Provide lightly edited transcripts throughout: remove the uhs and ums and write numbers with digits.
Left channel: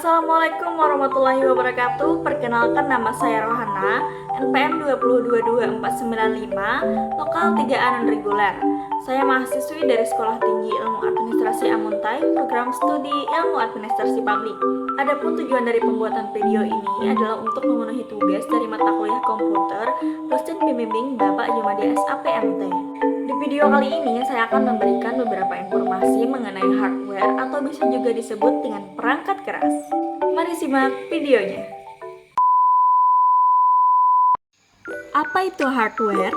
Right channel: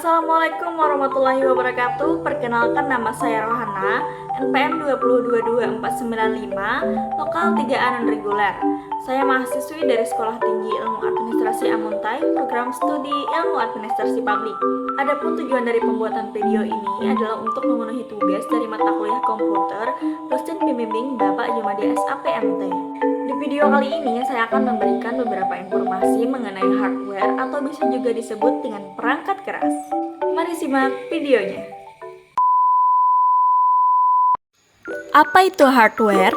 Assalamualaikum warahmatullahi wabarakatuh. Perkenalkan, nama saya Rohana, NPM 2022495, lokal 3A non-reguler. Saya mahasiswi dari Sekolah Tinggi Ilmu Administrasi Amuntai, program studi Ilmu Administrasi Publik. Adapun tujuan dari pembuatan video ini adalah untuk memenuhi tugas dari mata kuliah komputer dosen pembimbing Bapak Jumadi SAPMT. Di video kali ini saya akan memberikan beberapa informasi mengenai hardware atau bisa juga disebut dengan perangkat keras. Mari simak videonya. Apa itu hardware?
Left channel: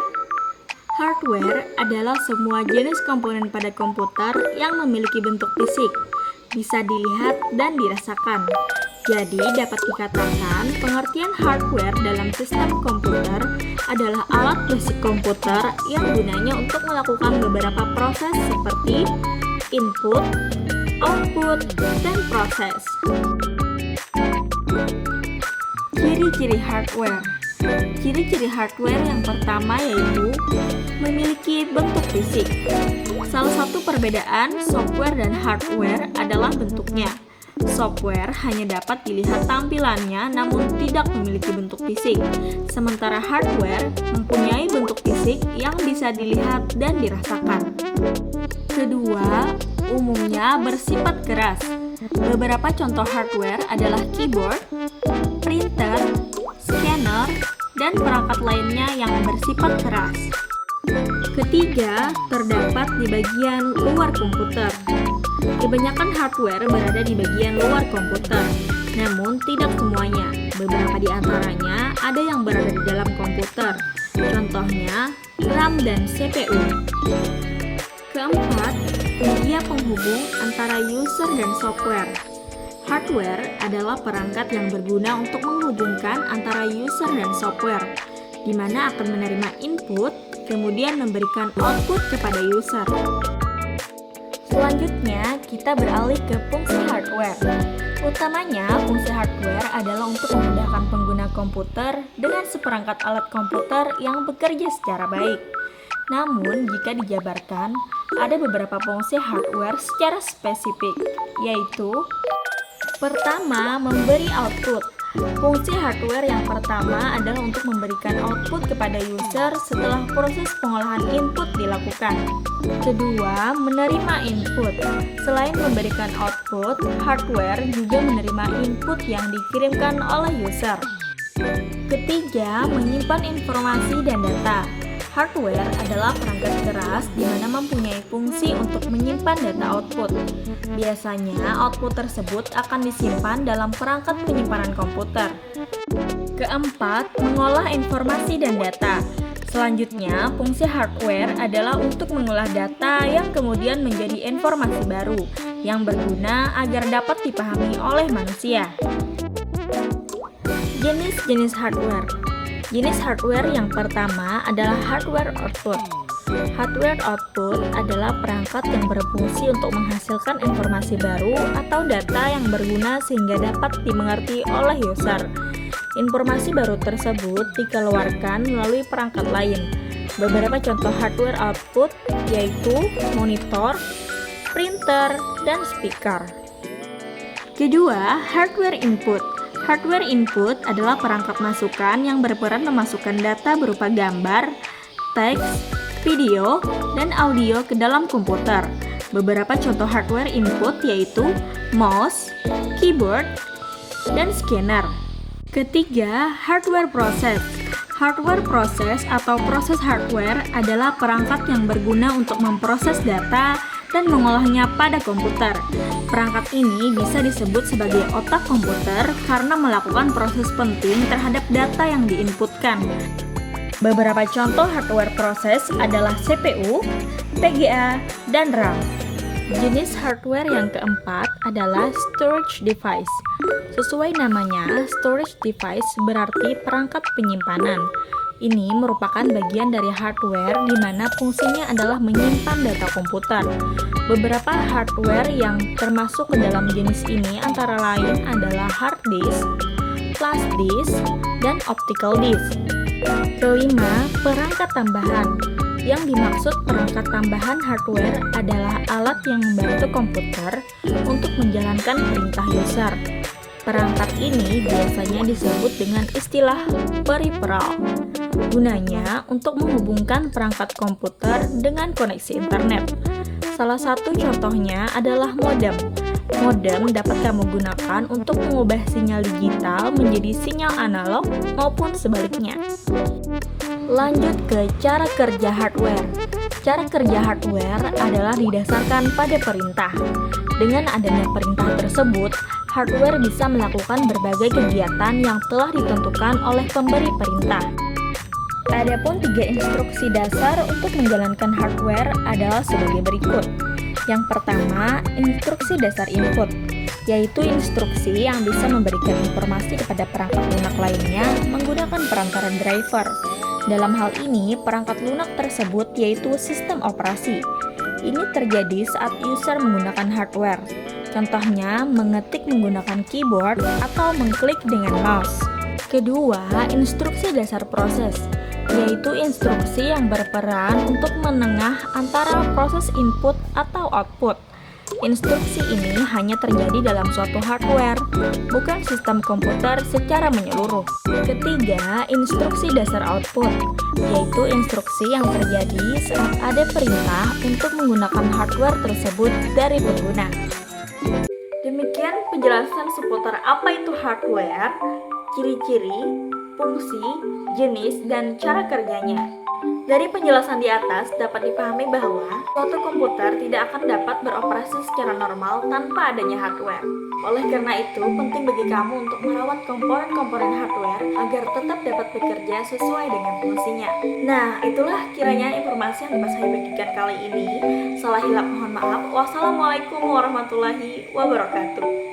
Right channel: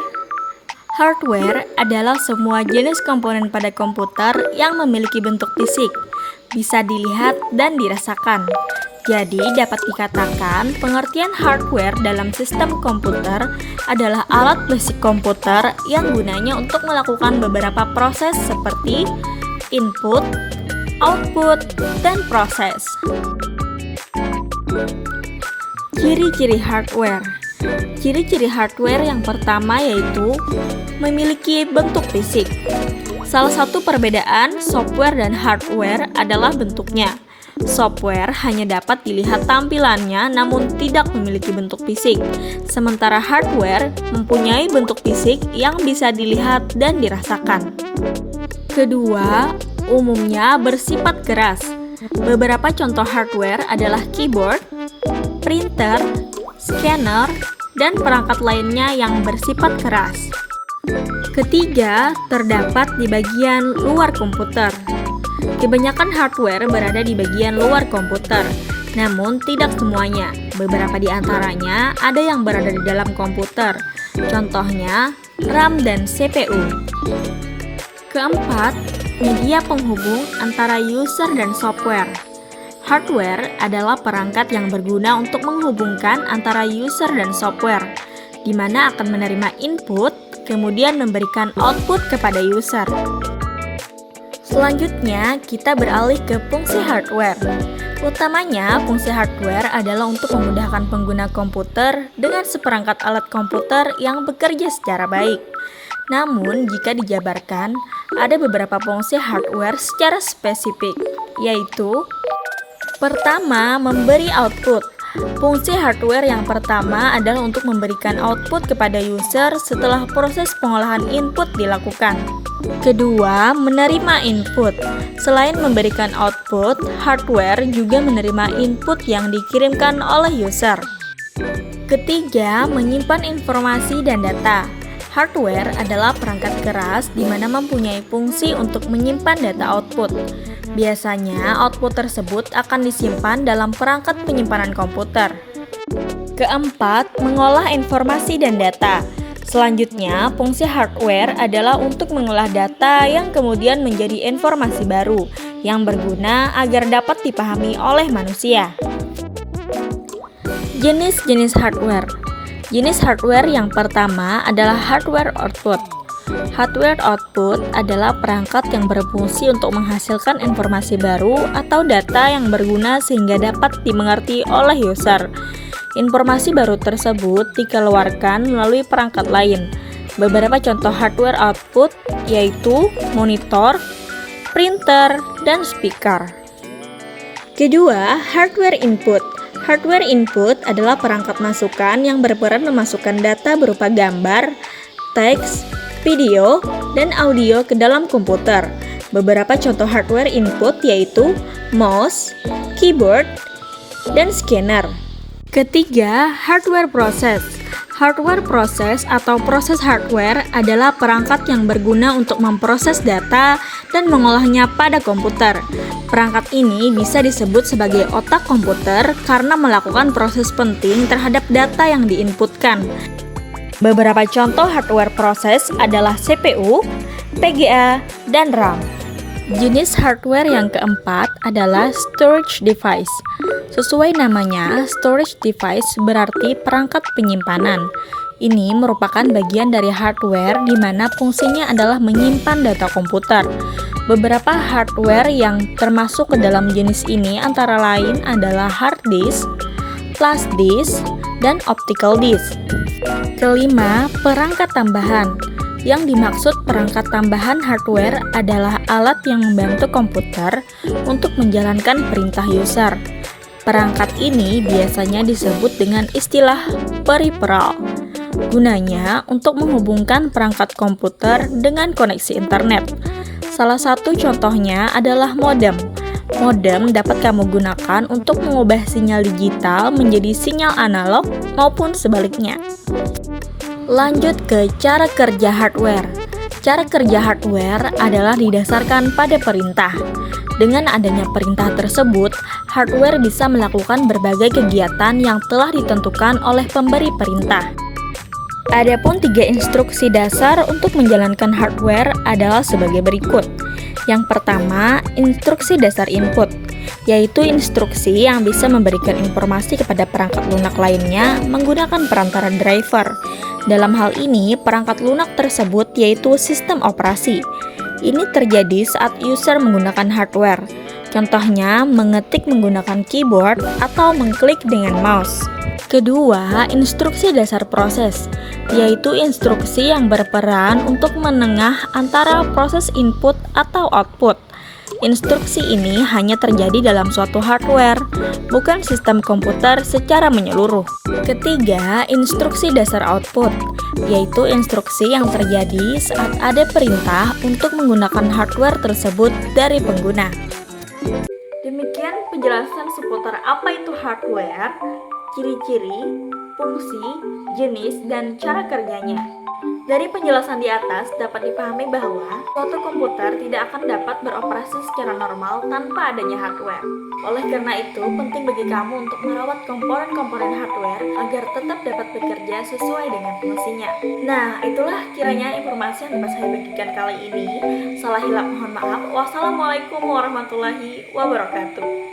Hardware adalah semua jenis komponen pada komputer yang memiliki bentuk fisik, bisa dilihat dan dirasakan. Jadi dapat dikatakan pengertian hardware dalam sistem komputer adalah alat fisik komputer yang gunanya untuk melakukan beberapa proses seperti input, output, dan proses. Ciri-ciri hardware. Ciri-ciri hardware yang pertama yaitu memiliki bentuk fisik. Salah satu perbedaan software dan hardware adalah bentuknya. Software hanya dapat dilihat tampilannya namun tidak memiliki bentuk fisik, sementara hardware mempunyai bentuk fisik yang bisa dilihat dan dirasakan. Kedua, umumnya bersifat keras. Beberapa contoh hardware adalah keyboard, printer, scanner, dan perangkat lainnya yang bersifat keras. Ketiga, terdapat di bagian luar komputer. Kebanyakan hardware berada di bagian luar komputer, namun tidak semuanya. Beberapa di antaranya ada yang berada di dalam komputer, contohnya RAM dan CPU. Keempat, media penghubung antara user dan software. Hardware adalah perangkat yang berguna untuk menghubungkan antara user dan software, di mana akan menerima input, kemudian memberikan output kepada user. Selanjutnya, kita beralih ke fungsi hardware. Utamanya, fungsi hardware adalah untuk memudahkan pengguna komputer dengan seperangkat alat komputer yang bekerja secara baik. Namun, jika dijabarkan, ada beberapa fungsi hardware secara spesifik, yaitu pertama, memberi output. Fungsi hardware yang pertama adalah untuk memberikan output kepada user setelah proses pengolahan input dilakukan. Kedua, menerima input. Selain memberikan output, hardware juga menerima input yang dikirimkan oleh user. Ketiga, menyimpan informasi dan data. Hardware adalah perangkat keras di mana mempunyai fungsi untuk menyimpan data output. Biasanya, output tersebut akan disimpan dalam perangkat penyimpanan komputer. Keempat, mengolah informasi dan data. Selanjutnya, fungsi hardware adalah untuk mengolah data yang kemudian menjadi informasi baru yang berguna agar dapat dipahami oleh manusia. Jenis-jenis hardware. Jenis hardware yang pertama adalah hardware output. Hardware output adalah perangkat yang berfungsi untuk menghasilkan informasi baru atau data yang berguna sehingga dapat dimengerti oleh user. Informasi baru tersebut dikeluarkan melalui perangkat lain. Beberapa contoh hardware output yaitu monitor, printer, dan speaker. Kedua, hardware input. Hardware input adalah perangkat masukan yang berperan memasukkan data berupa gambar, teks, video, dan audio ke dalam komputer. Beberapa contoh hardware input yaitu mouse, keyboard, dan scanner. Ketiga, hardware proses. Hardware proses atau proses hardware adalah perangkat yang berguna untuk memproses data dan mengolahnya pada komputer. Perangkat ini bisa disebut sebagai otak komputer karena melakukan proses penting terhadap data yang diinputkan. Beberapa contoh hardware proses adalah CPU, PGA, dan RAM. Jenis hardware yang keempat adalah storage device. Sesuai namanya, storage device berarti perangkat penyimpanan. Ini merupakan bagian dari hardware di mana fungsinya adalah menyimpan data komputer. Beberapa hardware yang termasuk ke dalam jenis ini antara lain adalah hard disk, flash disk, dan optical disk. Kelima, perangkat tambahan. Yang dimaksud perangkat tambahan hardware adalah alat yang membantu komputer untuk menjalankan perintah user. Perangkat ini biasanya disebut dengan istilah peripheral. Gunanya untuk menghubungkan perangkat komputer dengan koneksi internet. Salah satu contohnya adalah modem. Modem dapat kamu gunakan untuk mengubah sinyal digital menjadi sinyal analog maupun sebaliknya. Lanjut ke cara kerja hardware. Cara kerja hardware adalah didasarkan pada perintah. Dengan adanya perintah tersebut, hardware bisa melakukan berbagai kegiatan yang telah ditentukan oleh pemberi perintah. Adapun 3 instruksi dasar untuk menjalankan hardware adalah sebagai berikut. Yang pertama, instruksi dasar input, yaitu instruksi yang bisa memberikan informasi kepada perangkat lunak lainnya menggunakan perantara driver. Dalam hal ini, perangkat lunak tersebut yaitu sistem operasi. Ini terjadi saat user menggunakan hardware. Contohnya, mengetik menggunakan keyboard atau mengklik dengan mouse. Kedua, instruksi dasar proses, yaitu instruksi yang berperan untuk menengah antara proses input atau output. Instruksi ini hanya terjadi dalam suatu hardware, bukan sistem komputer secara menyeluruh. Ketiga, instruksi dasar output, yaitu instruksi yang terjadi saat ada perintah untuk menggunakan hardware tersebut dari pengguna. Demikian penjelasan seputar apa itu hardware, ciri-ciri, fungsi, jenis, dan cara kerjanya. Dari penjelasan di atas dapat dipahami bahwa suatu komputer tidak akan dapat beroperasi secara normal tanpa adanya hardware. Oleh karena itu, penting bagi kamu untuk merawat komponen-komponen hardware agar tetap dapat bekerja sesuai dengan fungsinya. Nah, itulah kiranya informasi yang dapat saya bagikan kali ini. Salah hilap mohon maaf. Wassalamualaikum warahmatullahi wabarakatuh.